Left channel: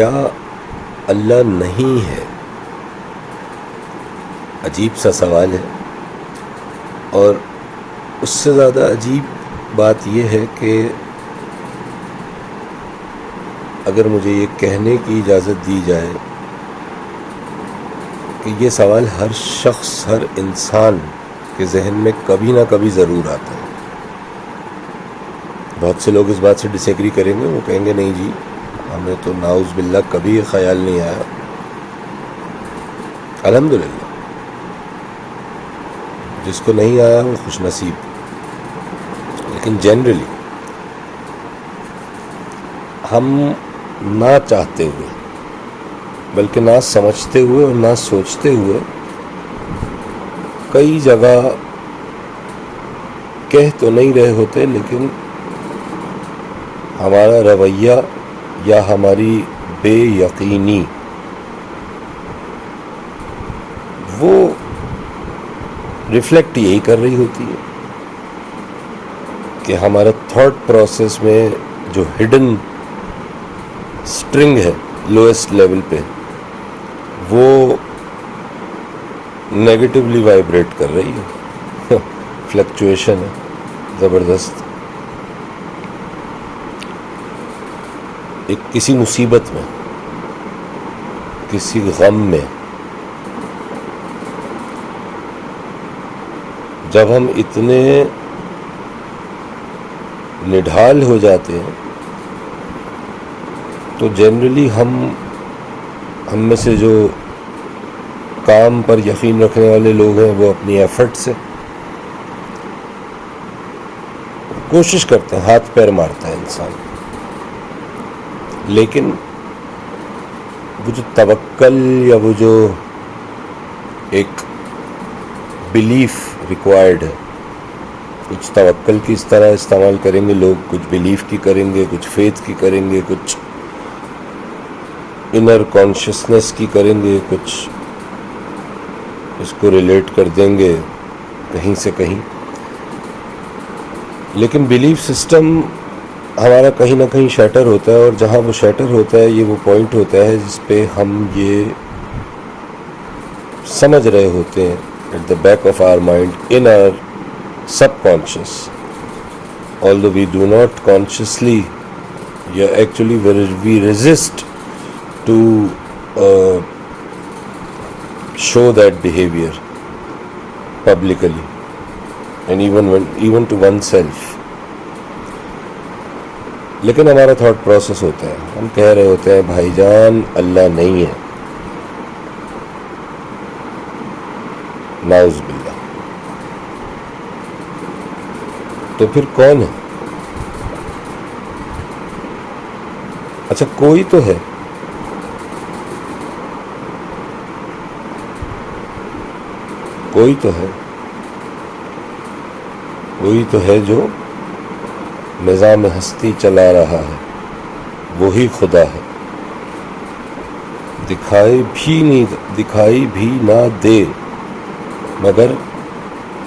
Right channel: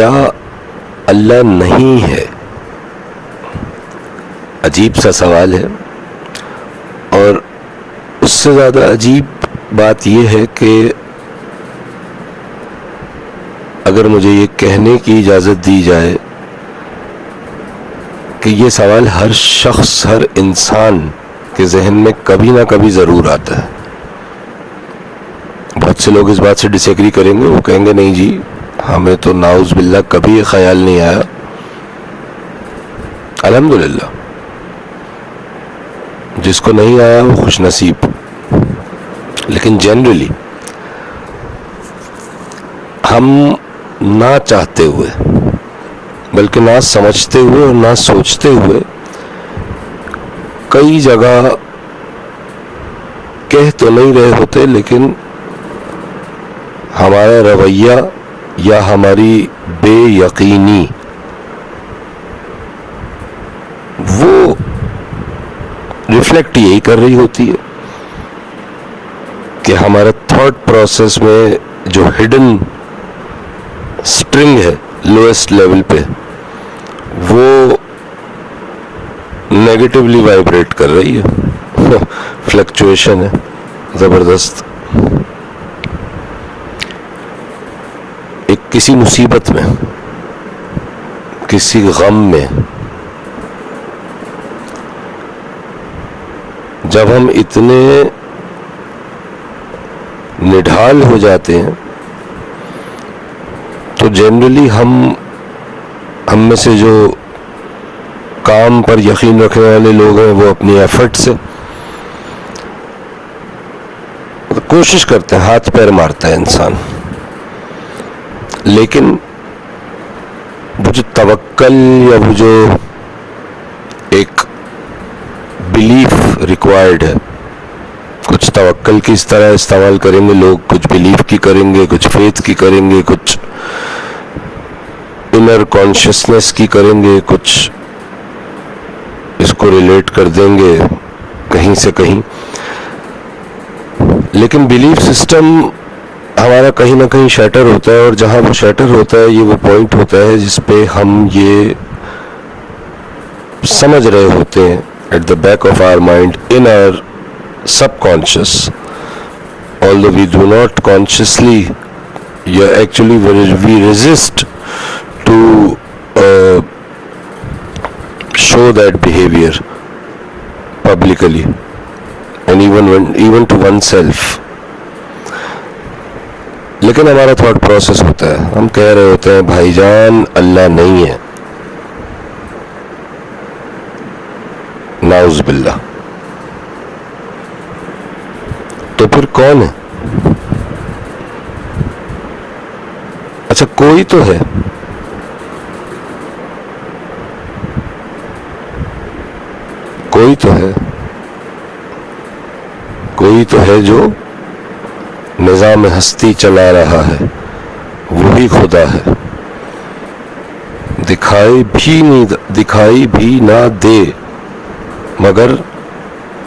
کیا اللہ نہیں ہے؟ عجیب سا سوال ہے، اور اس سے زیادہ عجیب بات یہ ہے کہ اگر مجھے یہ کہنے کی اجازت دی جائے کہ یہ سوال ہر شخص، ہر انسان کے ذہن میں کبھی نہ کبھی ضرور آتا ہے. بہت سے لوگ اس بات سے ڈس ایگری کریں گے، وہ کہیں گے نہیں جی ہمیں تو نعوذ باللہ کبھی یہ خیال نہیں آیا. الحمدللہ، جس کو نہیں آیا وہ خوش نصیب. لیکن جنرلی ہم نہ چاہتے ہوئے، بلکہ نہ سمجھتے ہوئے اور نہ سوچتے ہوئے کئی جگہ کہہ تو نہیں رہے ہوتے، لیکن ہمارا رویہ یا ہماری بے یقینی وہ ریفلیکٹ یہی کر رہی ہوتی ہے کہ ہمارا تھاٹ پروسیس میں جو ہڈن اسٹرنگ ہے لوئسٹ لیول پہ، وہ نیگیٹولی وائبریٹ کر رہی ہے. فلکچویشن ہے زبردست. ایک کسی مصیبت میں، کسی غم میں جب ہم اتنے نڈھال ہو جاتے ہیں تو جنرلی ہم میں سے جو کام پر یقین رکھنے والے لوگ ہیں وہ اپنی ایفرٹ سے کوشش کرتے ہیں، ہاتھ پیر مارتا ہے انسان. لیکن وہ جو توکل یا وہ جو ایک بلیف ریکوائرڈ ہے، کچھ توکل کی اس طرح استعمال کریں گے لوگ، کچھ بلیف کی کریں گے، کچھ فیتھ کی کریں گے، کچھ انر کانشیسنس کی کریں گے، کچھ اس کو ریلیٹ کر دیں گے کہیں سے کہیں. لیکن بلیف سسٹم ہمارا کہیں نہ کہیں شیٹر ہوتا ہے، اور جہاں وہ شیٹر ہوتا ہے یہ وہ پوائنٹ ہوتا ہے جس پہ ہم یہ سمجھ رہے ہوتے ہیں at the back of our mind, in our subconscious, although we do not consciously, actually we resist to show that behavior publicly and even to oneself. لیکن ہمارا تھاٹ پروسیس ہوتا ہے، ہم کہہ رہے ہوتے ہیں بھائی جان اللہ نہیں ہے، نعوذ باللہ. تو پھر کون ہے؟ اچھا کوئی تو ہے. کوئی تو ہے، کوئی تو ہے جو نظام ہستی چلا رہا ہے، وہی خدا ہے. دکھائی بھی نہ دے مگر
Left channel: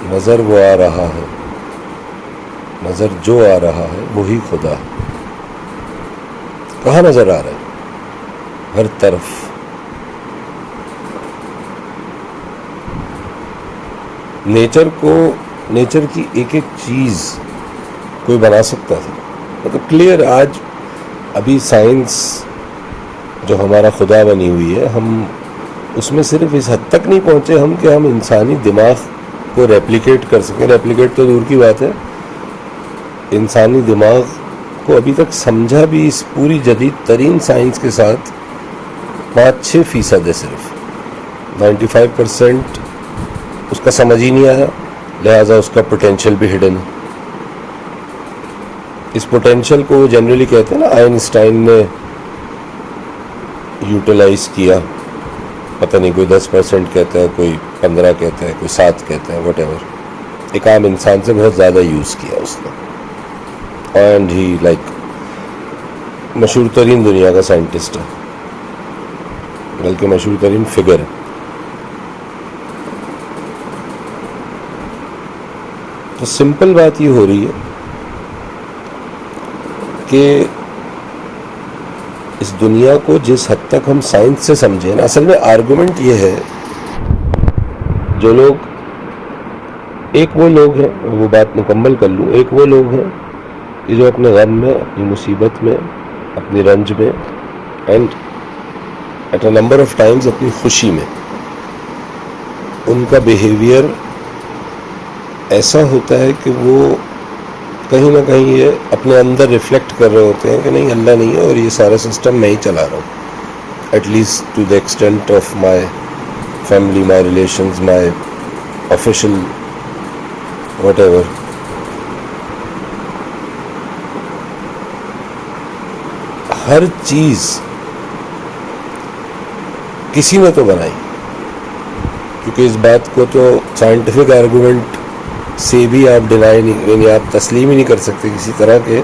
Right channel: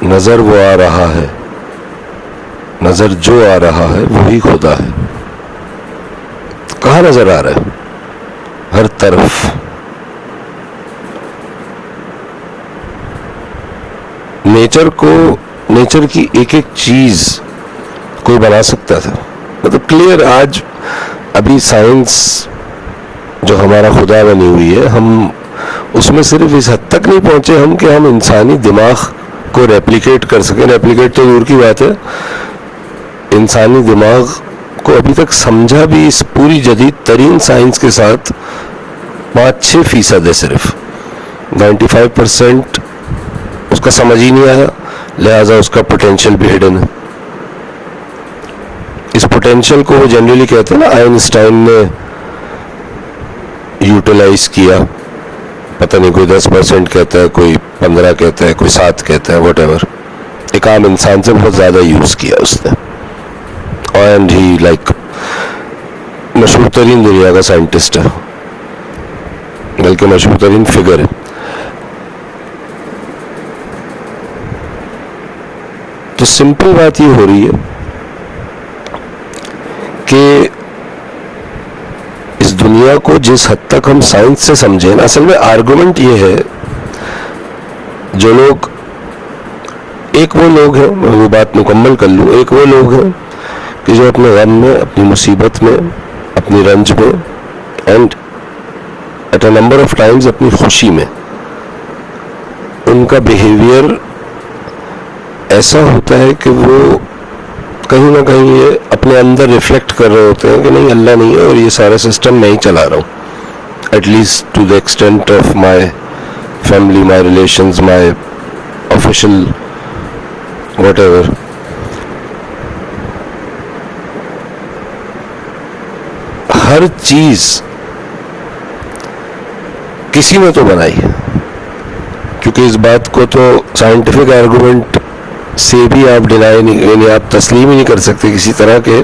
نظر وہ آ رہا ہے، نظر جو آ رہا ہے وہی خدا ہے. کہاں نظر آ رہا ہے؟ ہر طرف. نیچر کی ایک ایک چیز کوئی بنا سکتا تھا، مطلب کلیئر. آج ابھی سائنس جو ہمارا خدا بنی ہوئی ہے، ہم اس میں صرف اس حد تک نہیں پہنچے ہم کہ ہم انسانی دماغ کو ریپلیکیٹ کر سکیں. ریپلیکیٹ تو دور کی بات ہے، انسانی دماغ کو ابھی تک سمجھا بھی اس پوری جدید ترین سائنس کے ساتھ 5-6% ہے. صرف 95% اس کا سمجھ ہی نہیں آیا، لہذا اس کا پوٹینشیل بھی ہڈن ہے. اس پوٹینشیل کو وہ جنرلی کہتے ہیں نا، آئنسٹائن نے یوٹیلائز کیا، پتہ نہیں کوئی 10% کہتا ہے، کوئی 15 کہتا ہے، کوئی 7 کہتا ہے، واٹ ایور. ایک عام انسان سے بہت زیادہ یوز کیا اس نے، اینڈ ہی لائک مشہور ترین دنیا کا سائنٹسٹ ہے، بلکہ مشہور ترین فگر ہے. تو سمپل بات یہ ہو رہی ہے کہ اس دنیا کو جس حد تک ہم سائنس سے سمجھیں نا، اصل میں آرگومنٹ یہ ہے، جو لوگ، ایک وہ لوگ ہیں، میں وہ بات مکمل کر لوں، ایک وہ لوگ ہیں کہ جو اپنے غم میں، اپنی مصیبت میں، اپنی رنج میں، and at a number of times اپنی خوشی میں، ان کا بیہیویئر ایسا ہوتا ہے کہ وہ کہیں نہ کہیں یہ اپنے اندر ریفلیکٹ کر رہے ہوتے ہیں کہ نہیں، اللہ نہیں ہے اور یہ سارا سسٹم میں ہی چلا رہا ہوں، at least to the extent of my family, my relations, my official whatever. ہر چیز کسی نے تو بنائی ہے، کیونکہ اس بات کو تو سائنٹیفک آرگومنٹ سے بھی آپ ڈینائی نہیں، یعنی آپ تسلیم ہی نہیں کر سکتے کسی طرح کے.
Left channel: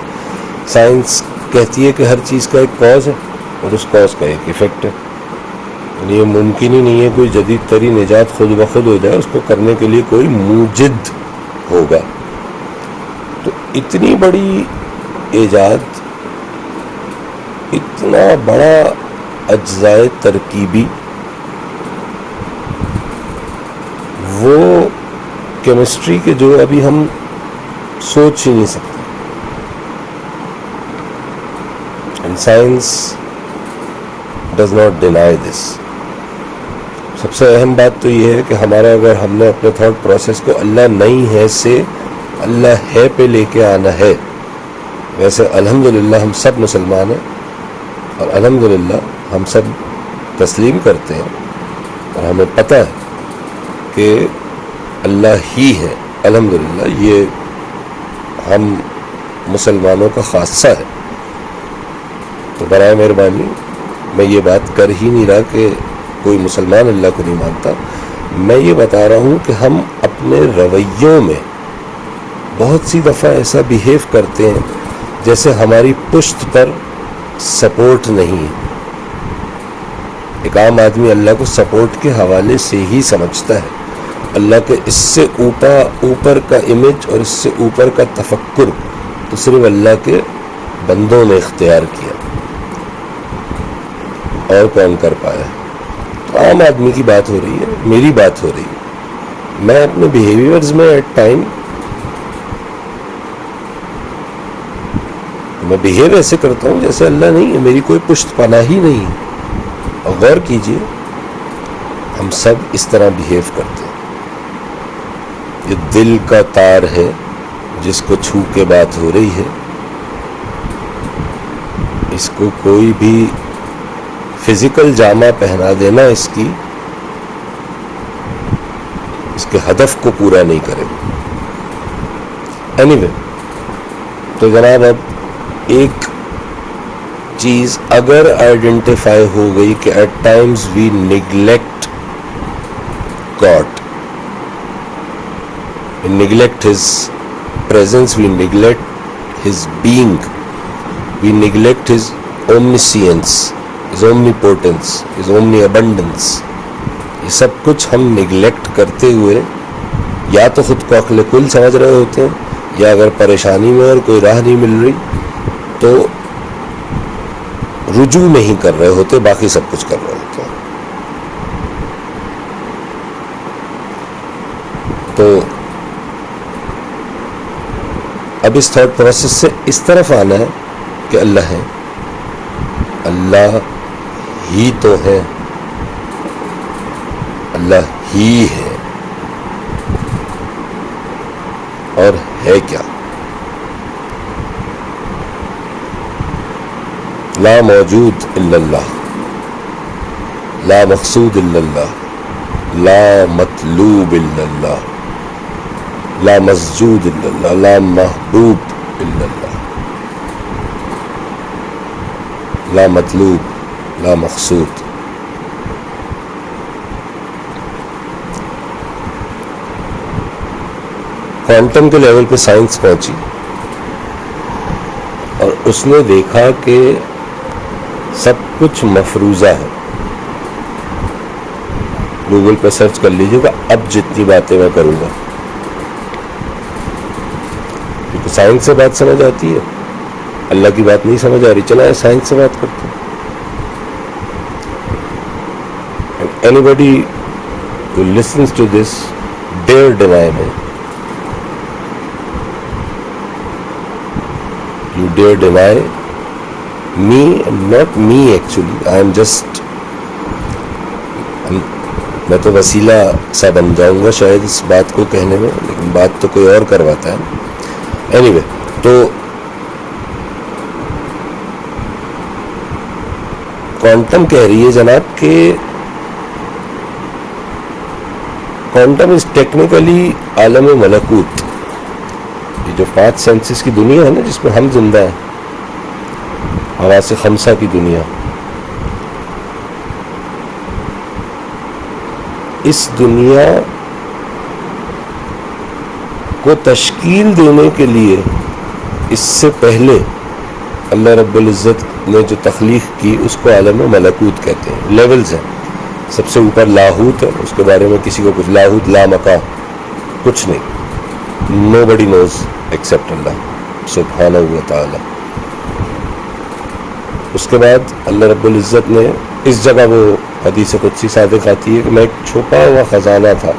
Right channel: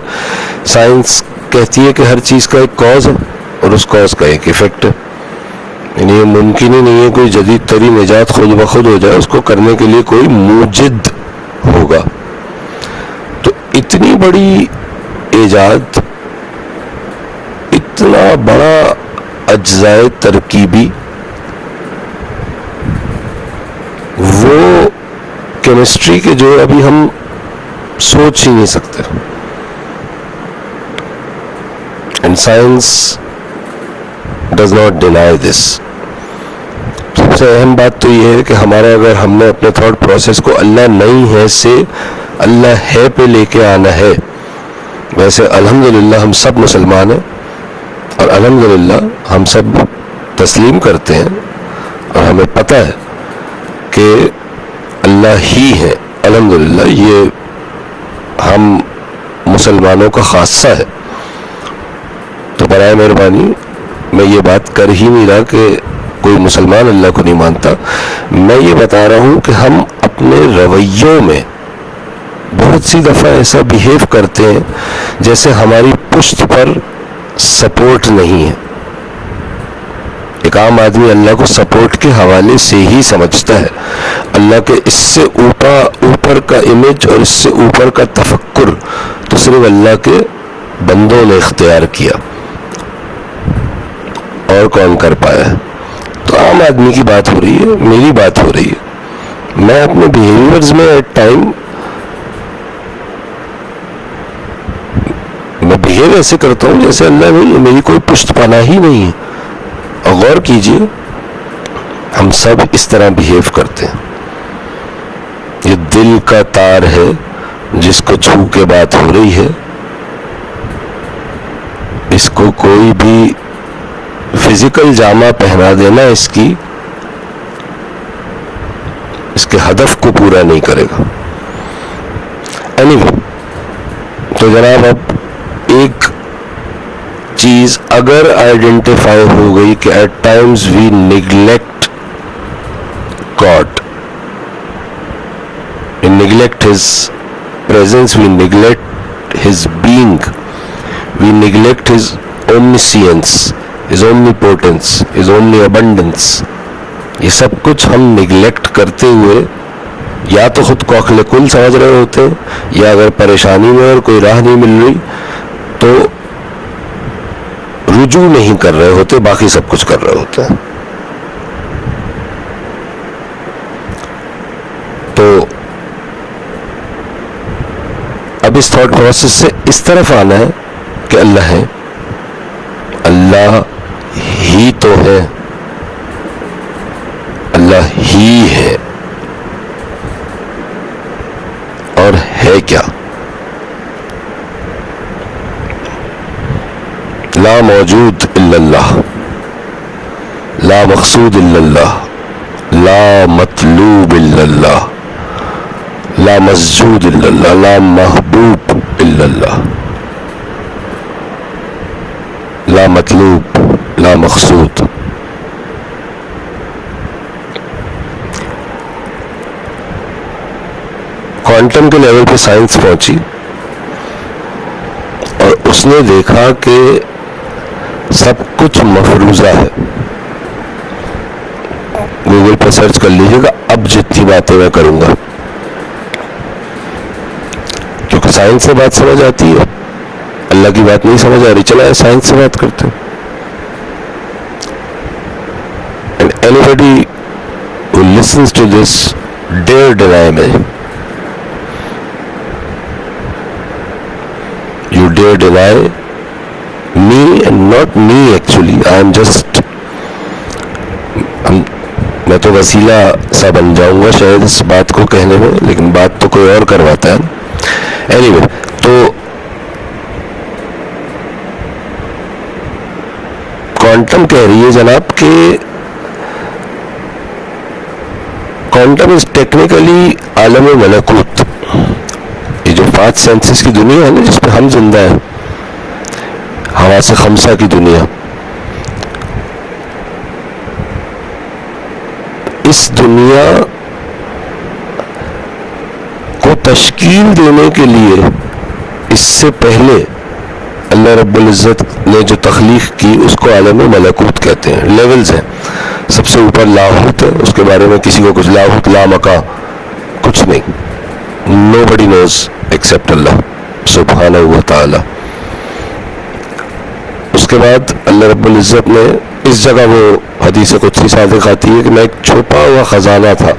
سائنس کہتی ہے کہ ہر چیز کا ایک کاز ہے اور اس کاز کا ایک ایفیکٹ ہے، یعنی یہ ممکن ہی نہیں ہے کوئی جدید ترین ایجاد خود بخود ہو جائے، اس کو کرنے کے لیے کوئی موجد ہوگا. تو اتنی بڑی ایجاد، اتنا بڑا اجزائے ترکیبی، وہ کیمسٹری کے جو ابھی ہم سوچ ہی نہیں سکتے. And science does not deny this. سب سے اہم بات تو یہ ہے کہ ہمارا، اگر ہم نے اپنے تھاٹ پروسیس کو اللہ نہیں ہے سے اللہ ہے پہ لے کے آنا ہے، ویسے الحمدللہ ہم سب مسلمان ہیں اور الحمدللہ ہم سب تسلیم کرتے ہیں اور ہمیں پتہ ہے کہ اللہ ہی ہے. الحمدللہ یہ ہم مسلمانوں کا خاصہ ہے. تو برائے مہربانی میں یہ بات کر ہی نہیں رہا کہ کوئی مسلمان اللہ کو نہیں مانتا. میں یہ بتا رہا ہوں کہ ہم اپنے رویوں میں بہت سی دفعہ ایسا بیہیو کرتے ہیں جیسے ہماری پشت پر سپورٹ نہیں ہے. ایک عام آدمی اللہ کو سپورٹ کے حوالے سے ہی سمجھتا ہے. اللہ کے اس سے اوپر کا امیج اور اس سے اوپر کا تفکر تو صرف اللہ کے بندوں نے اختیار کیا، اور کون کر پایا ہے. تو عام آدمی کی بات ہو رہی ہے، میری بات ہو رہی ہے. میں اپنے بیہیویئرز میں ایٹ ٹائم میں بہیو ایسے کرتا ہوں جیسے اللہ نہیں ہے، میری کوئی پشت پناہ ہی نہیں ہے. اور غور کیجئے، ہم سب اس طرح بہیو کرتے ہیں. یہ دل کا تار ہے جس کو چھو کے بات ہو رہی ہے، اس کو کوئی بھی فزیکل جامہ پہنا دینا اس کے ہدف کو پورا نہیں کرے گا. anyway، تو جناب اب ایک چیز اگر آئیڈینٹیفائی ہو گئی کہ at times we neglect God, we neglect his presence, we neglect his being, we neglect his omniscience, his omnipotence, his omniabundance. یہ سب کچھ ہم نیگلیکٹ کرتے ہوئے یا تو خود کو عقل کل سمجھ رہے ہوتے ہیں، یا اگر پریشانی میں اور کوئی راہ نہیں مل رہی تو رجوع نہیں کر رہے ہوتے، باقی سب کچھ کر رہے ہوتے ہیں. تو اب اس تھاٹ پروسیس سے اس طرف آنا ہے کہ اللہ ہے، اللہ ہی تو ہے، اللہ ہی ہے. اور ہے کیا؟ لا موجود الا اللہ، لا مقصود الا اللہ، لا مطلوب الا اللہ، لا مسجود الا اللہ، لا محبوب الا اللہ، لا مطلوب، لا مقصود. کوانٹم کے لیول پہ سائنس پہنچی اور اس نے دیکھا کہ سب کچھ مفروضہ ہے. گوگل پہ سرچ کر لیجیے گا اب جتنی باتیں میں کروں گا، کیونکہ سائنس سے بات سمجھ آتی ہے، اللہ کی بات نہیں سمجھ آ رہی، چلا سائنس سے بات کرتے ہیں. And anybody who listens to this dare deny me. You dare deny me, and not me actually. I am just میں تو وسیلہ سا بن جاؤں گا شاید اس بات کو کہنے میں، لیکن بات تو کوئی اور کرواتا ہے. اینی وے، تو کوانٹم کہہ رہی ہے جناب کہ کوانٹم از ٹیکنیکلی عالم ملکوت. یہ جو 5 سینسز کی دنیا ہے نا جس پہ ہم زندہ ہیں، حواس خمسہ کی دنیا، اس دنیا کو تشکیل دینے کے لیے اس سے پہلے اللہ رب العزت نے جو تخلیق کی اس کو عالم ملکوت کہتے ہیں. لیولز ہیں. سب سے اوپر لاہوت ہے، اس کے بارے میں کسی کو کچھ، لاہوت لا مکا کچھ نہیں. nobody knows except اللہ سبحانہ و تعالی. اس کے بعد اللہ رب العزت نے اس جگہ وہ حدیث قدسی صادق آتی ہے کہ میں ایک چھپا ہوا خزانہ تھا،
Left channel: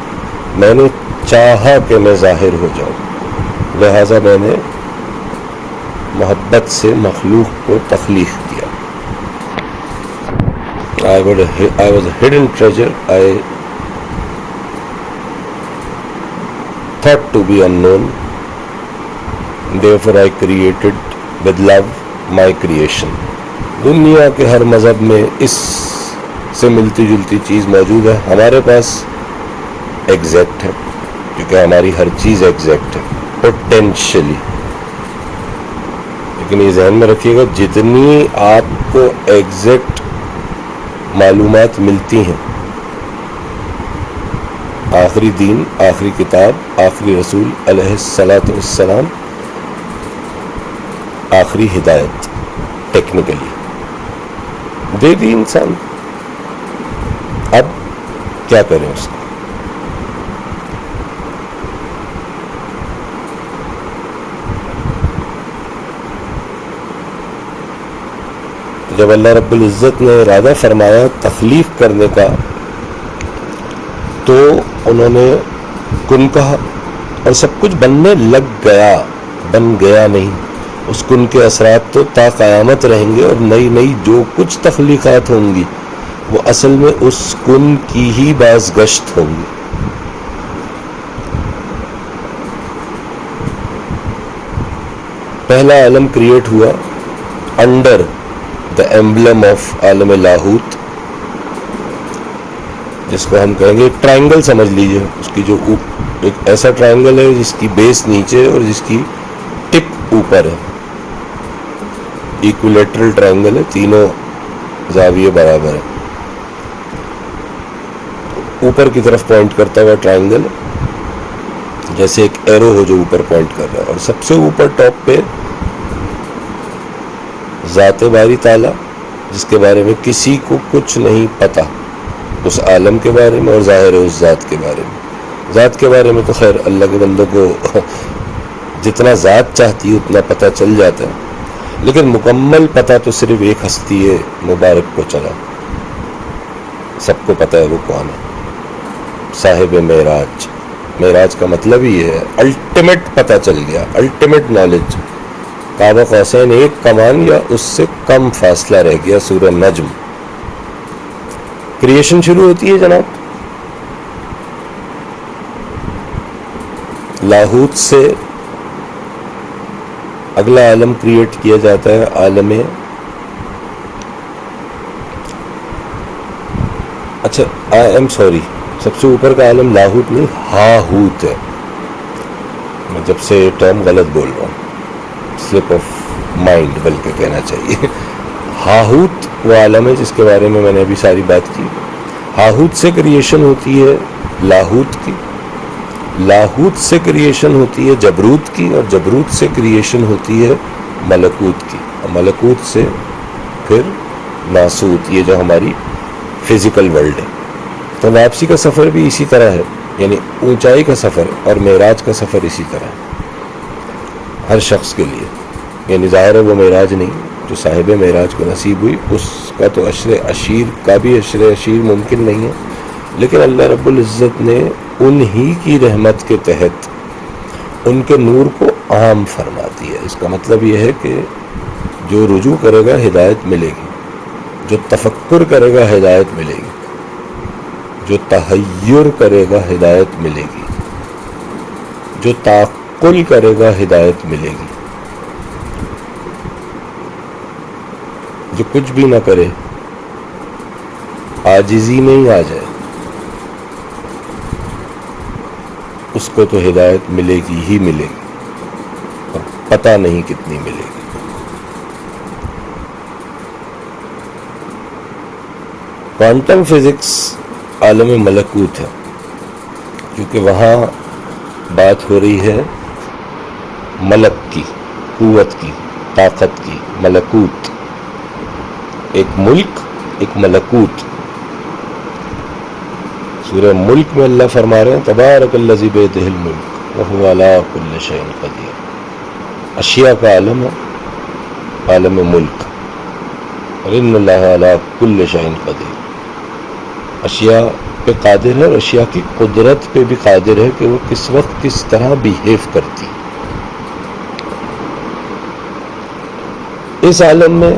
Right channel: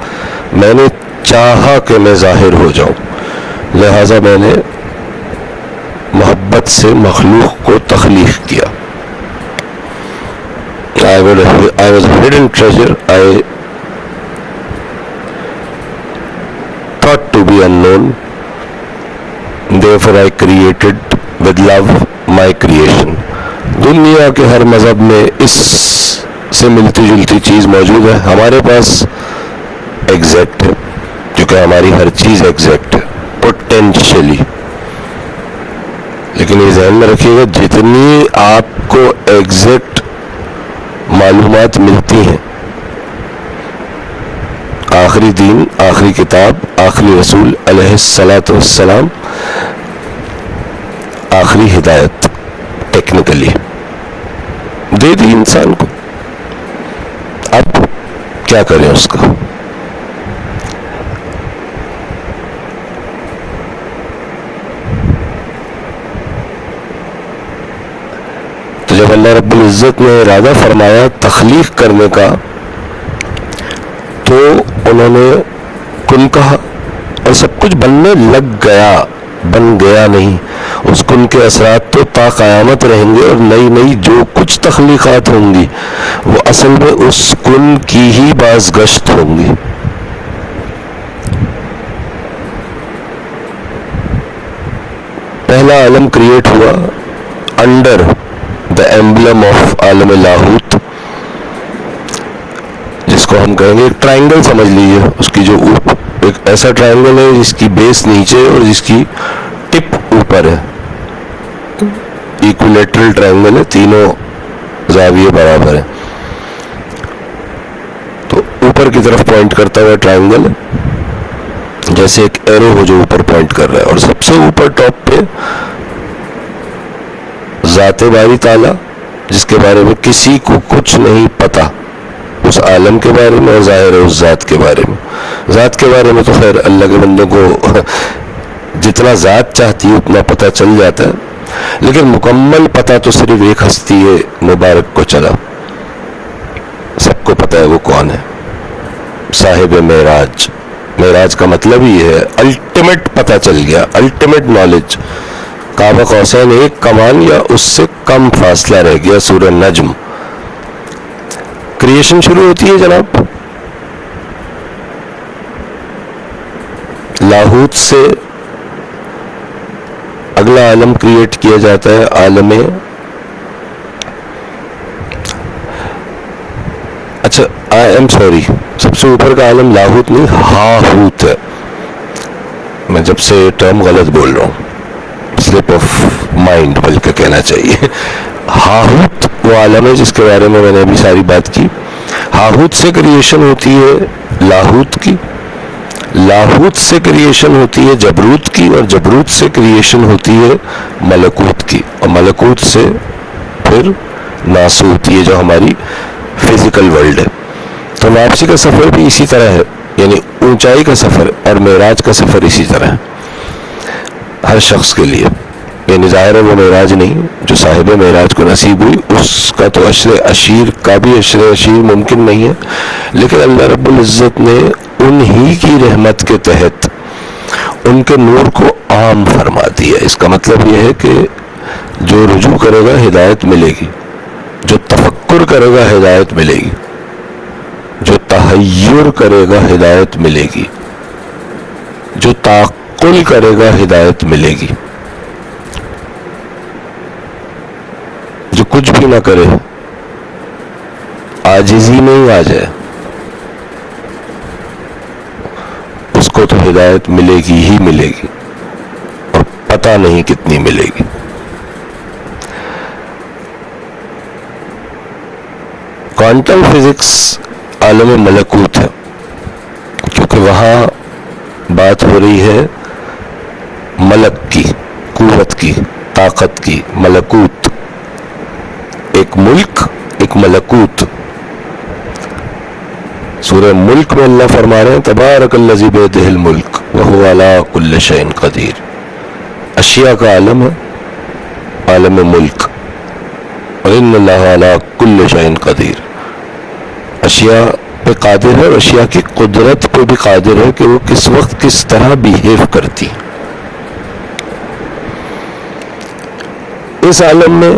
میں نے چاہا کہ میں ظاہر ہو جاؤں، لہٰذا میں نے محبت سے مخلوق کو تخلیق کیا. I was a hidden treasure. I thought to be unknown. Therefore I created with love my creation. دنیا کے ہر مذہب میں اس سے ملتی جلتی چیز موجود ہے. ہمارے پاس ایگزیکٹ ہے کیونکہ ہماری ہر چیز ایگزیکٹ ہے پوٹینشلی. لیکن یہ ذہن میں رکھیے گا جتنی آپ کو ایگزیکٹ معلومات ملتی ہیں، آخری دین، آخری کتاب، آخری رسول علیہ الصلاۃ والسلام، آخری ہدایت ٹیکنیکلی دے دی انسان کو. اب کیا کریں اس کا؟ تو جب اللہ رب العزت نے ارادہ فرمایا تخلیق کرنے کا تو انہوں نے کن کہا اور سب کچھ بننے لگ گیا. بن گیا نہیں، اس کن کے اثرات تو تا قیامت رہیں گے، اور نئی نئی جو کچھ تخلیقات ہوں گی وہ اصل میں اس کن کی ہی بازگشت ہوں گی. پہلا عالم کریٹ ہوا انڈر دا ایمبلم آف عالم لاہوت، جس کو ہم کہیں گے ایک ٹرائنگل سمجھ لیجیے. اس کی جو ایک ایسا ٹرائنگل ہے جس کی بیس نیچے اور جس کی ٹپ اوپر ہے. ایکولیٹرل ٹرائنگل ہے، تینوں زاویے برابر ہیں. تو اوپر کی طرف پوائنٹ کرتا ہوا ٹرائنگل جیسے ایک ایرو ہو جو اوپر پوائنٹ کر رہا ہے، اور سب سے اوپر ٹاپ پہ ذات باری تعالیٰ جس کے بارے میں کسی کو کچھ نہیں پتا اس عالم کے بارے میں، اور ظاہر ہے اس ذات کے بارے میں. ذات کے بارے میں تو خیر اللہ کے بندوں کو جتنا ذات چاہتی ہے اتنا پتہ چل جاتا ہے، لیکن مکمل پتہ تو صرف ایک ہستی ہے مبارک کو چلا. سب کو پتہ ہے وہ کون ہے، صاحب معراج. معراج کا مطلب ہی ہے الٹیمیٹ پتہ چل گیا، الٹیمیٹ نالج. قاب قوسین ایک کمان یا اس سے کم فاصلہ رہ گیا. سورہ نجم. کریشن شروع ہوتی ہے جناب لاہوت سے. اگلا عالم کریٹ کیا جاتا ہے عالم، اچھا آئی ایم سوری، سب سے اوپر کا عالم لاہوت نہیں ہاہوت ہے. میں جب سے ٹرم غلط بول رہا ہوں، سلپ آف مائنڈ بلکہ کہنا چاہیے. ہاہوت وہ عالم ہے جس کے بارے میں میں نے ابھی ساری بات کی. ہاہوت سے کریشن ہوتی ہے لاہوت کی، لاہوت سے کریشن ہوتی ہے جبروت کی، اور جبروت سے کریشن ہوتی ہے ملکوت کی، اور ملکوت سے پھر ناسوت، یہ جو ہماری فزیکل ورلڈ ہے. تو واپسی کا سفر بھی اسی طرح ہے، یعنی اونچائی کا سفر اور معراج کا سفر اسی طرح ہے ہر شخص کے لیے. یعنی ظاہر ہے وہ معراج نہیں جو صاحب معراج کو نصیب ہوئی، اس کا تو عشر عشیر کا بھی عشر عشیر ممکن نہیں ہے، لیکن اللہ رب العزت نے انہی کی رحمت کے تحت ان کے نور کو عام فرما دیا۔ اس کا مطلب یہ ہے کہ جو رجوع کرے گا ہدایت ملے گی، جو تفکر کرے گا ہدایت ملے گی، جو تحیر کرے گا ہدایت ملے گی، جو تعقل کرے گا ہدایت ملے گی، جو کچھ بھی نہ کرے عاجزی میں ہی آ جائے اس کو تو ہدایت ملے گی ہی ملے گی، اور پتہ نہیں کتنی ملے گی۔ کوانٹم فزکس عالم ملکوت ہے، کیونکہ وہاں بات ہو رہی ہے ملک کی، قوت کی، طاقت کی، ملکوت، ایک ملک، ایک ملکوت۔ سورہ ملک میں اللہ فرما رہے ہیں تبارک الذی بیدہ الملک وہو علی کل شیء قدیر۔ اشیاء کا عالم ہے، عالم ملک، وَإِنَّ اللَّهَ عَلَىٰ كُلِّ شَيْءٍ قَدِيرٌ۔ اشیاء پہ قادر ہے، اور اشیاء کی قدرت پہ بھی قادر ہے کہ وہ کس وقت کس طرح بیہیو کرتی۔ اس عالم میں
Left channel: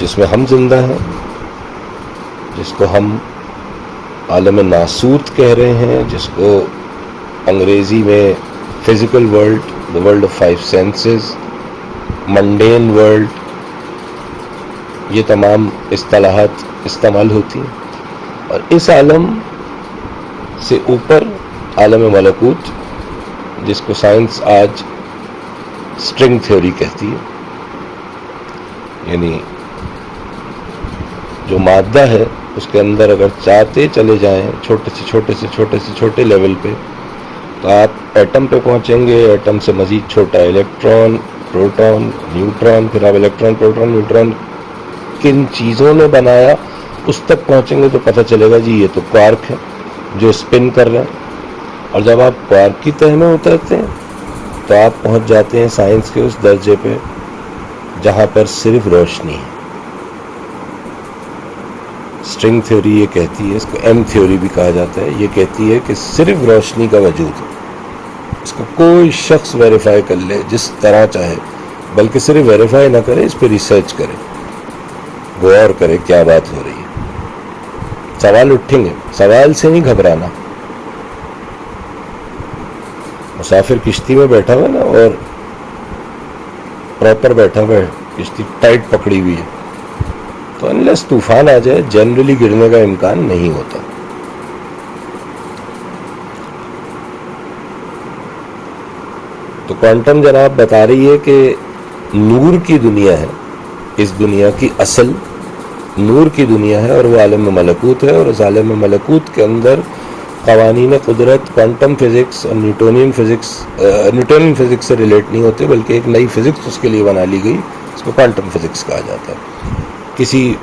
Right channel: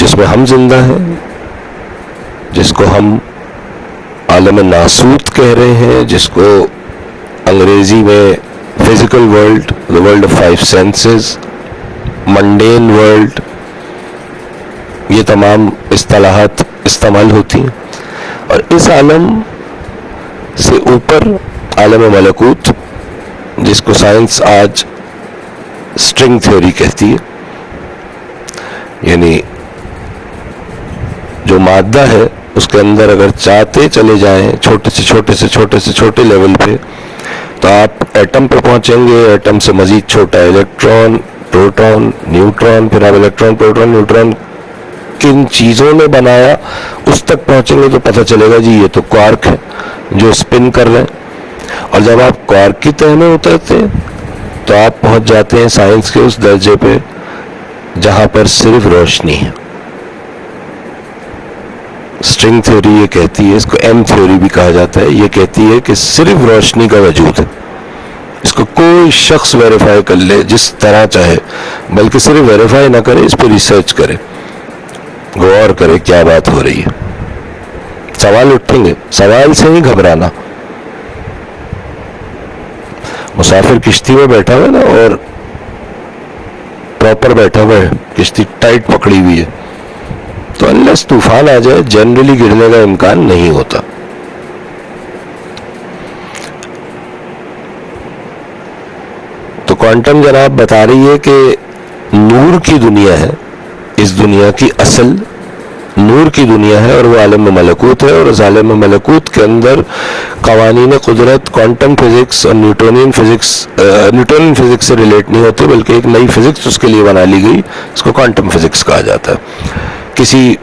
جس میں ہم زندہ ہیں، جس کو ہم عالم ناسوت کہہ رہے ہیں، جس کو انگریزی میں physical world, the world of five senses، منڈین world, یہ تمام اصطلاحات استعمال ہوتی ہیں۔ اور اس عالم سے اوپر عالم ملکوت، جس کو سائنس آج اسٹرنگ تھیوری کہتی ہے، یعنی جو مادہ ہے اس کے اندر اگر چاہتے چلے جائیں چھوٹے سے چھوٹے لیول پہ، تو آپ ایٹم پہ پہنچیں گے، ایٹم سے مزید چھوٹا الیکٹران، پروٹون، نیوٹران، پھر آپ الیکٹران، پروٹون، نیوٹران کن چیزوں نے بنایا اس تک پہنچیں گے تو پتہ چلے گا جی یہ تو کوارک ہے جو اسپن کر رہے ہیں۔ اور جب آپ کوارک کی تہ میں اترتے ہیں تو آپ پہنچ جاتے ہیں سائنس کے اس درجے پہ جہاں پر صرف روشنی ہے۔ اسٹرنگ تھیوری یہ کہتی ہے، اس کو ایم تھیوری بھی کہا جاتا ہے، یہ کہتی ہے کہ صرف روشنی کا وجود ہے۔ اس کو کوئی شخص ویریفائی کر لے جس طرح چاہے، بلکہ صرف ویریفائی نہ کرے، اس پہ ریسرچ کرے، غور کرے کیا بات ہو رہی ہے۔ سوال اٹھیں گے، سوال سے نہیں گھبرانا۔ مسافر کشتی میں بیٹھا ہوا ہے نا، اور پراپر بیٹھا ہوا ہے، کشتی ٹائٹ پکڑی ہوئی ہے، تو انلیس طوفان آ جائے جنرلی گرنے کا امکان نہیں ہوتا۔ تو کوانٹم جناب بتا رہی ہے کہ نور کی دنیا ہے، اس دنیا کی اصل نور کی دنیا ہے، اور وہ عالم ملکوت ہے، اور اس عالم ملکوت کے اندر قوانین قدرت، کوانٹم فزکس اور نیوٹونین فزکس سے ریلیٹ نہیں ہوتے، بلکہ ایک نئی فزکس اس کے لیے بنا لی گئی، اس کو کوانٹم فزکس کہا جاتا ہے۔ کسی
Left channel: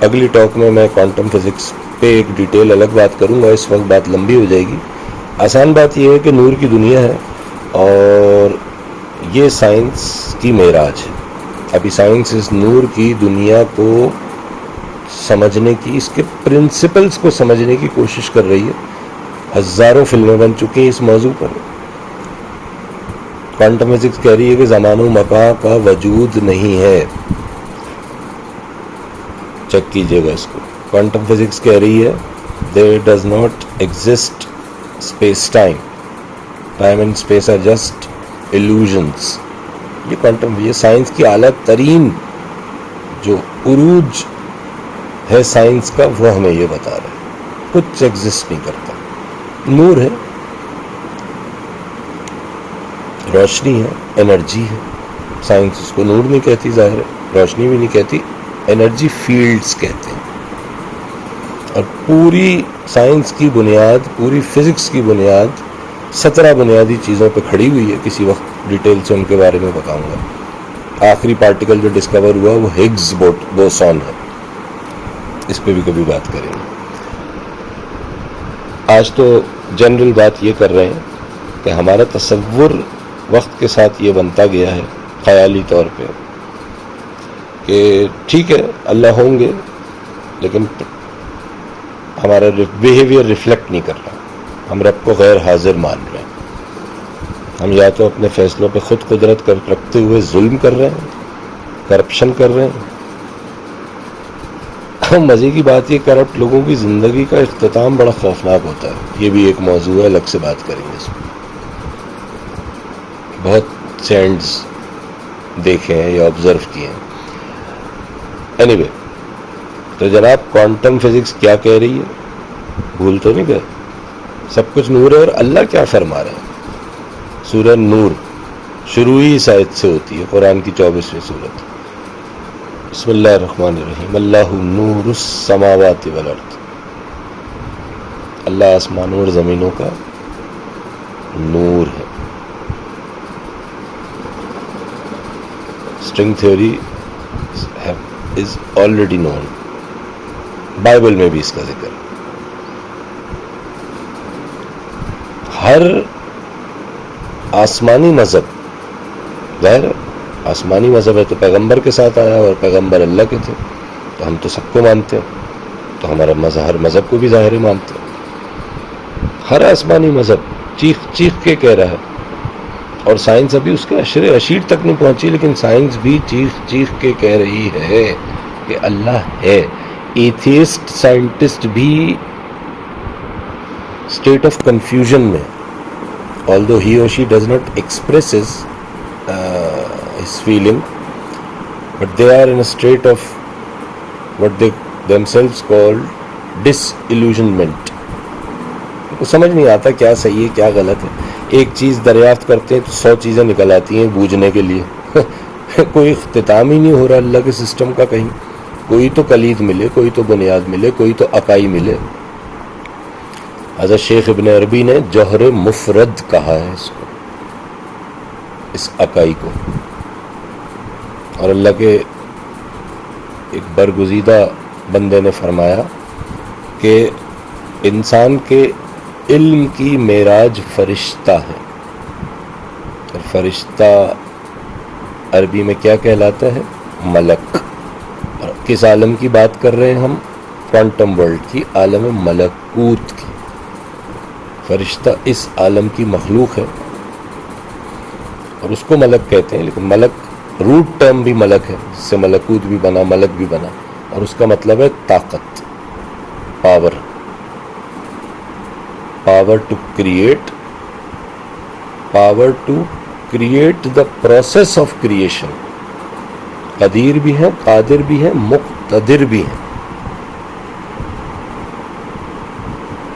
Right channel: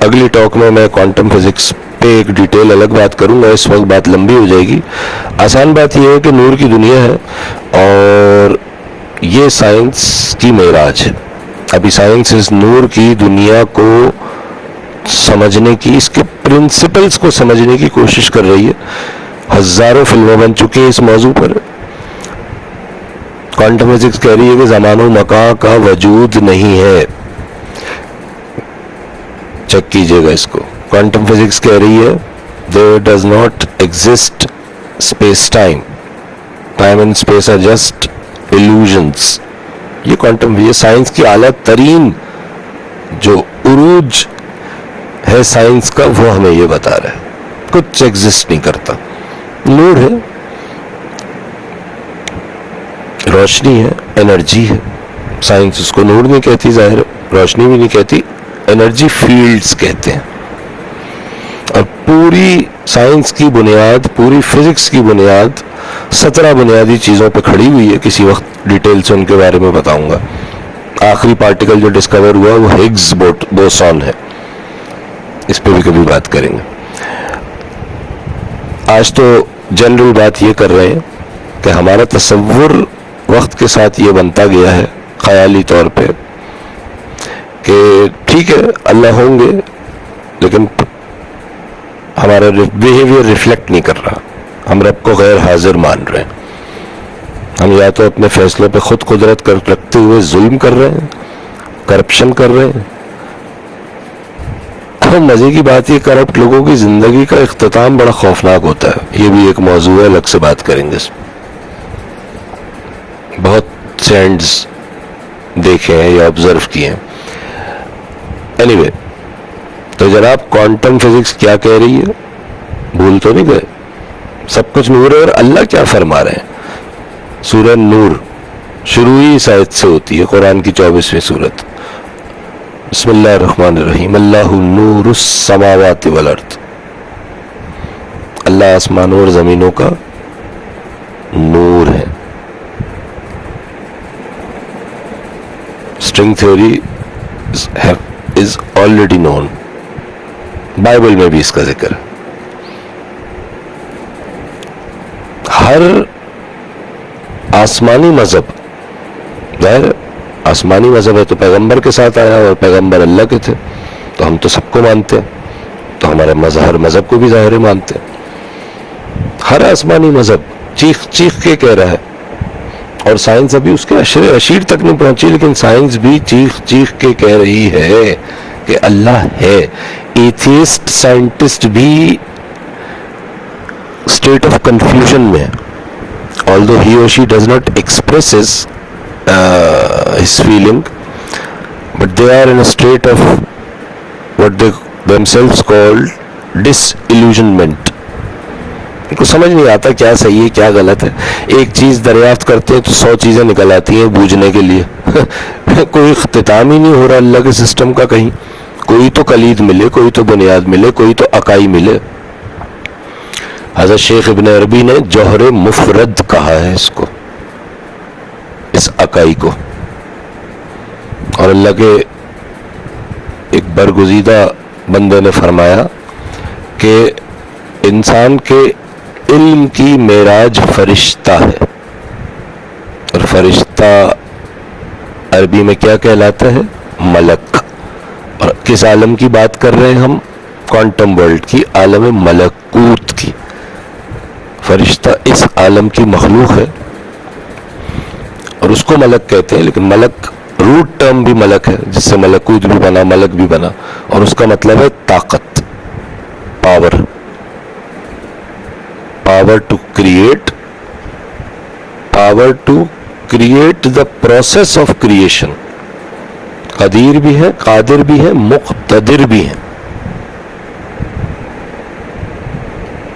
اگلی ٹاک میں کوانٹم فزکس پہ ایک ڈیٹیل الگ بات کروں گا، اس وقت بات لمبی ہو جائے گی۔ آسان بات یہ ہے کہ نور کی دنیا ہے، اور یہ سائنس کی معراج ہے۔ ابھی سائنس اس نور کی دنیا کو سمجھنے کی، اس کے پرنسپلز کو سمجھنے کی کوشش کر رہی ہے۔ ہزاروں فلمیں بن چکی ہیں اس موضوع پر۔ کوانٹم فزکس کہہ رہی ہے کہ زمان و مکان کا وجود نہیں ہے، چیک کیجئے گا اس کو۔ کوانٹم فزکس کہہ رہی ہے there does not exist space time and space are just illusions۔ یہ کوانٹم، یہ سائنس کی اعلیٰ ترین جو عروج ہے سائنس کا، وہ ہمیں یہ بتا رہا ہے کچھ ایگزسٹ نہیں کرتا، نور ہے، روشنی ہے، انرجی ہے۔ سائنس اس کو نور نہیں کہتی، ظاہر روشنی بھی نہیں کہتی، انرجی فیلڈز کہتے ہیں۔ اور پوری سائنس کی بنیاد، پوری فزکس کی بنیاد 17 بنیادی چیزوں پہ کھڑی ہوئی ہے۔ کسی وقت ڈیٹیل سے ان کے بارے میں بتاؤں گا۔ آخری پارٹیکل جو ڈسکور ہوا وہ ہگز بوسون ہے، اس پہ بھی کبھی بات کریں گے۔ آج تو جنرل بات یہ کر رہے ہیں کہ ہمارا تصور وقت کے ساتھ یہ بنتا گیا ہے خیالی طور پہ کہ ٹھیک ہے اللہ ہوں گے، لیکن ہمارا بیہیویئر ریفلیکٹ نہیں کر رہا، ہم رب کو غیر حاضر مان رہے ہیں. ہم یا تو اپنے فیصلوں پہ خود قدرت رکھتے ہوئے ظلم کر رہے ہیں، کرپشن کر رہے ہیں. مزے کی بات یہ کرپٹ لوگوں کی زندگی کا اختتام بڑا خوفناک ہوتا ہے. یہ بھی ایک موضوع ہے، الگ سے بات کریں گے اس میں. بہت سینڈز دیکھے ہیں یا آبزرو کیے ہیں. اینی وے، تو جناب کوانٹم فزکس کیا کہہ رہی ہے؟ بھول تو نہیں گئے؟ سب کچھ نور ہے. اور اللہ کیا فرما رہے ہیں؟ سورہ نور شروع ہی اس آیت سے ہوتی ہے، قرآن کی 24ویں سورت. بسم اللہ الرحمن الرحیم. اللہ نور السماوات والارض. اللہ آسمانوں اور زمینوں کا نور ہے. String theory is already known. Bible میں بھی اس کا ذکر ہے. ہر آسمانی مذہب، ظاہر آسمانی مذہب ہے تو پیغمبر کے ساتھ آیا، اور پیغمبر اللہ کے تھے، تو ہم تو سب کو مانتے ہیں، تو ہمارے ہر مذہب کو بھی ظاہر مانتے ہیں. ہر آسمانی مذہب چیخ چیخ کے کہہ رہا ہے، اور سائنس ابھی اس کے اشیر تک نہیں پہنچی، لیکن سائنس بھی چیخ چیخ کے کہہ رہی ہے کہ اللہ ہے. ایتھیسٹ سائنٹسٹ بھی اسٹیٹ آف کنفیوژن میں ہے. although he or she does not express his feeling, but they are in a state of what they themselves called disillusionment. ان کو سمجھ نہیں آتا کیا صحیح ہے کیا غلط ہے. ایک چیز دریافت کرتے ہیں تو 100 چیزیں نکل آتی ہیں بوجھنے کے لیے. کوئی اختتام ہی نہیں ہو رہا اللہ کے سسٹم کا. کہیں کوئی تو کلید ملے، کوئی تو بنیاد ملے، کوئی تو اکائی ملے. حضرت شیخ ابن عربی نے جوہر مفرد کہا ہے اس کو، اس اکائی کو. اور اللہ کے ایک برگزیدہ بندے نے فرمایا کہ انسان کے علم کی معراج فرشتہ ہے. اور فرشتہ عربی میں کیا کہلاتا ہے؟ ملک. اور کس عالم کی بات کر رہے ہیں ہم؟ کوانٹم ورلڈ کی، عالم ملکوت کی. فرشتہ اس عالم کی مخلوق ہے اور اس کو ملک کہتے ہیں. لیکن ملک روٹ ٹرم بھی ملک ہے، جس سے ملکوت بھی بنا، ملک بھی بنا، اور اس کا مطلب ہے طاقت، power. Power to create, power to create the process of creation. قدیر بھی ہے، قادر بھی ہے، مقتدر بھی ہے.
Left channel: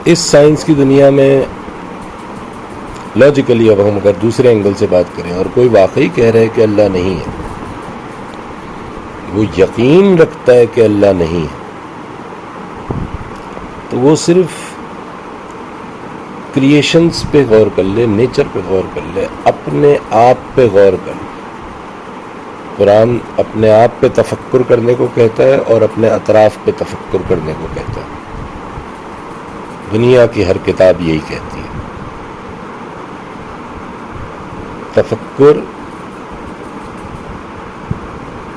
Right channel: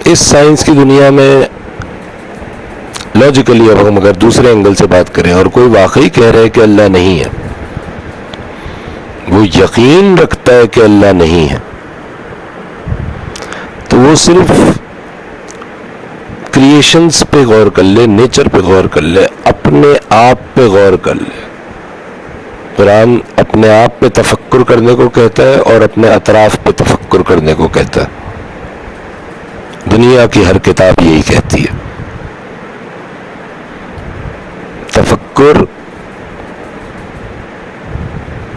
اس سائنس کی دنیا میں لاجیکلی اب ہم اگر دوسرے اینگل سے بات کریں، اور کوئی واقعی کہہ رہے کہ اللہ نہیں ہے، وہ یقین رکھتا ہے کہ اللہ نہیں ہے، تو وہ صرف کریشنز پہ غور کر لے، نیچر پہ غور کر لے، اپنے آپ پہ غور کر لے. قرآن اپنے آپ پہ تفکر کرنے کو کہتا ہے اور اپنے اطراف پہ تفکر کرنے کو کہتا ہے. دنیا کی ہر کتاب یہی کہتی ہے. تفکر،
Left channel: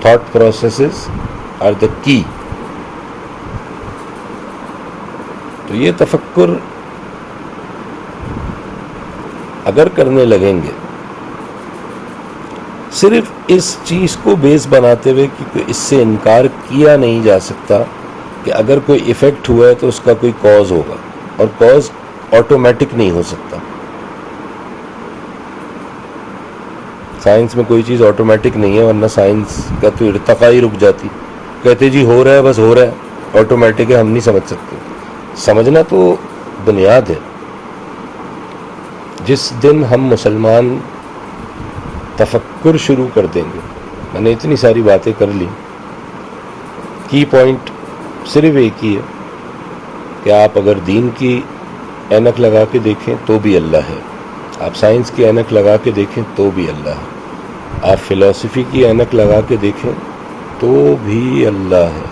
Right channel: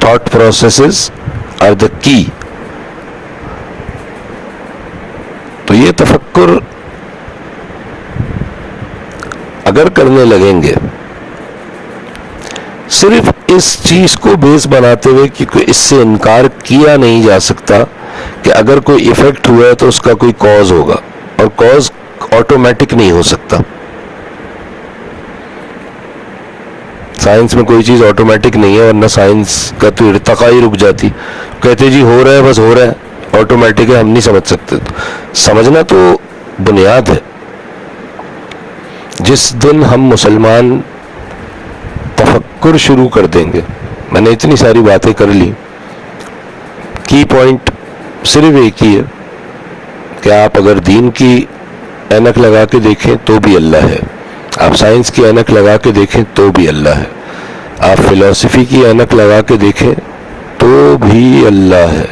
تھاٹ پروسیسز آر دا کی. تو یہ تفکر اگر کرنے لگیں گے صرف اس چیز کو بیس بناتے ہوئے کہ اس سے انکار کیا نہیں جا سکتا کہ اگر کوئی ایفیکٹ ہوا ہے تو اس کا کوئی کاز ہوگا، اور کاز آٹومیٹک نہیں ہو سکتا. سائنس میں کوئی چیز آٹومیٹک نہیں ہے، ورنہ سائنس کا تو ارتقا ہی رک جاتی. کہتے جی ہو رہا ہے، بس ہو رہا ہے، آٹومیٹک ہے، ہم نہیں سمجھ سکتے. سمجھنا تو بنیاد ہے. جس دن ہم مسلمان تفکر شروع کر دیں گے، میں نے اتنی ساری باتیں کر لی، کی پوائنٹ صرف ایک ہی ہے کہ آپ اگر دین کی اینک لگا کے دیکھیں تو بھی اللہ ہے، آپ سائنس کی اینک لگا کے دیکھیں تو بھی اللہ ہے، آپ فلسفی کی اینک لگا کے دیکھیں تو بھی اللہ ہے.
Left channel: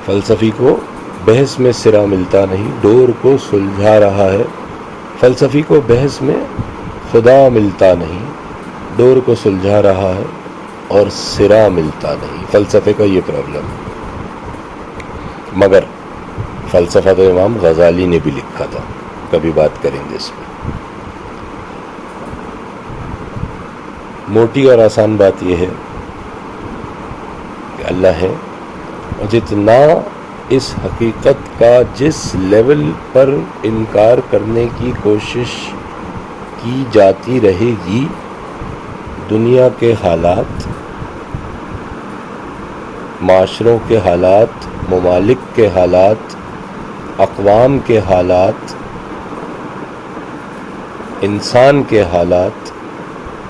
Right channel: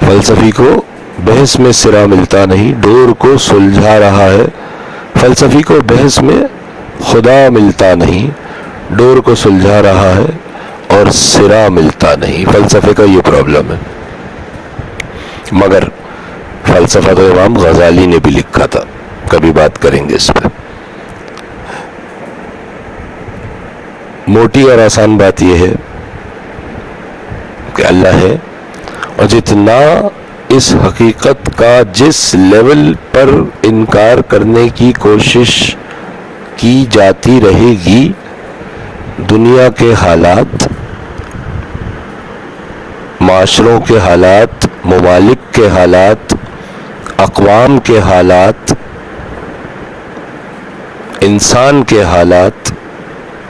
فلسفی کو بحث میں سرا ملتا نہیں، ڈور کو سلجھا رہا ہے. فلسفی کو بحث میں خدا ملتا نہیں، ڈور کو سلجھا رہا ہے اور سرا ملتا نہیں. فلسفے کا یہ پرابلم ہے. مگر فلسفہ تو امام غزالی نے بھی لکھا تھا، کبھی بات کریں گے اس پہ. موٹی اور آسان بات یہ ہے کہ اللہ ہے، اور جتنا اس حقیقت کا جس لیول پر انکار کرنے کی کوشش کی جاتی رہے گی، دنیا کے حالات، معاشروں کے حالات، ممالک کے حالات، اقوام کے حالات، انسان کے حالات،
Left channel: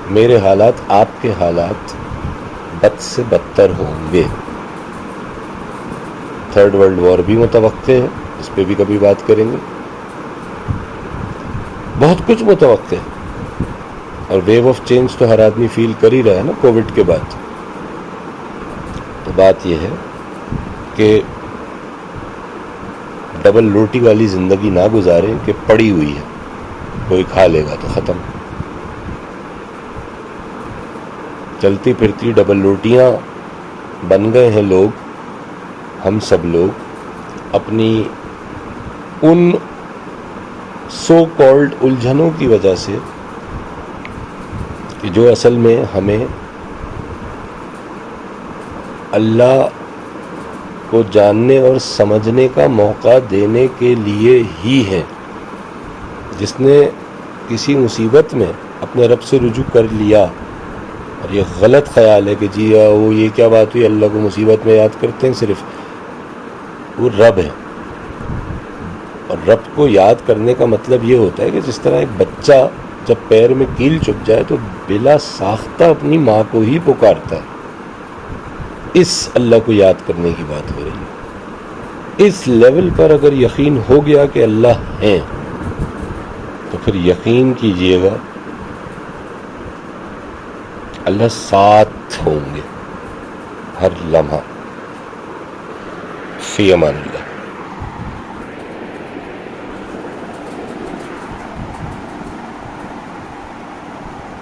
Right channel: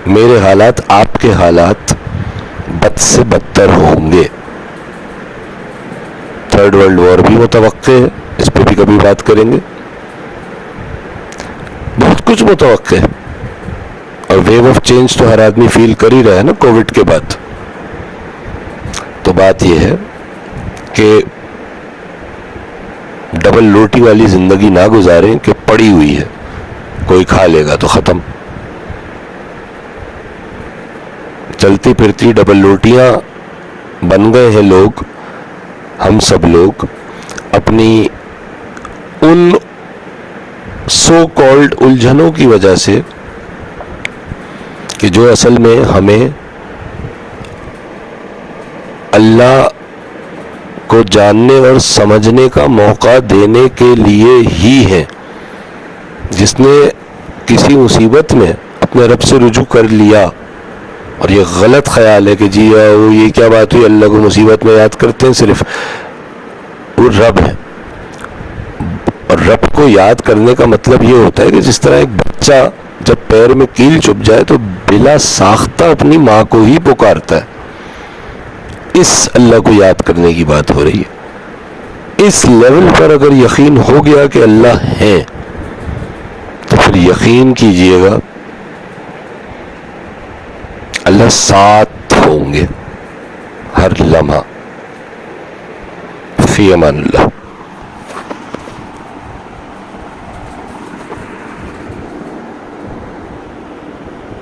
میرے حالات، آپ کے حالات بد سے بدتر ہوں گے. تھرڈ ورلڈ وار بھی متوقع ہے، اس پہ بھی کبھی بات کریں گے. بہت کچھ متوقع ہے، اور ویو آف چینج تو ہر آدمی فیل کر ہی رہا ہے نا کووڈ کے بعد. تو بات یہ ہے کہ ڈبل روٹی والی زندگی نہ گزاریں کہ پڑی ہوئی ہے، کوئی کھا لے گا تو ختم. چلتی پھرتی ڈبل روٹیاں بن گئے ہیں لوگ، ہم سب لوگ اپنی ان سو کالڈ الجھنوں کی وجہ سے کہ جو اصل میں ہمیں اللہ کو جاننے اور سمجھنے کا موقع دینے کے لیے ہی ہے. جس نے کسی مصیبت میں اپنے رب سے رجوع کر لیا، اور یہ غلط خیال ہے کہ جی وہ یہ کیا بات ہوئی، اللہ کو مصیبت میں یاد کرتے ہیں، صرف وہ رب ہے. اور رب کو یاد کرنے کا مطلب یہ ہوتا ہے کہ جس طرح ایک بچہ جب پیر میں کیل چبھ جائے تو بلا ساختہ اپنی ماں کو ہی پکارتا ہے، اس اللہ کو یاد کرنے کی بات ہو رہی ہے. اس لیول پر اگر یقین ہو گیا کہ اللہ ہے تو پھر یقین کیجئے گا اللہ ساتھ ہوں گے ہر لمحہ. فی امان اللہ.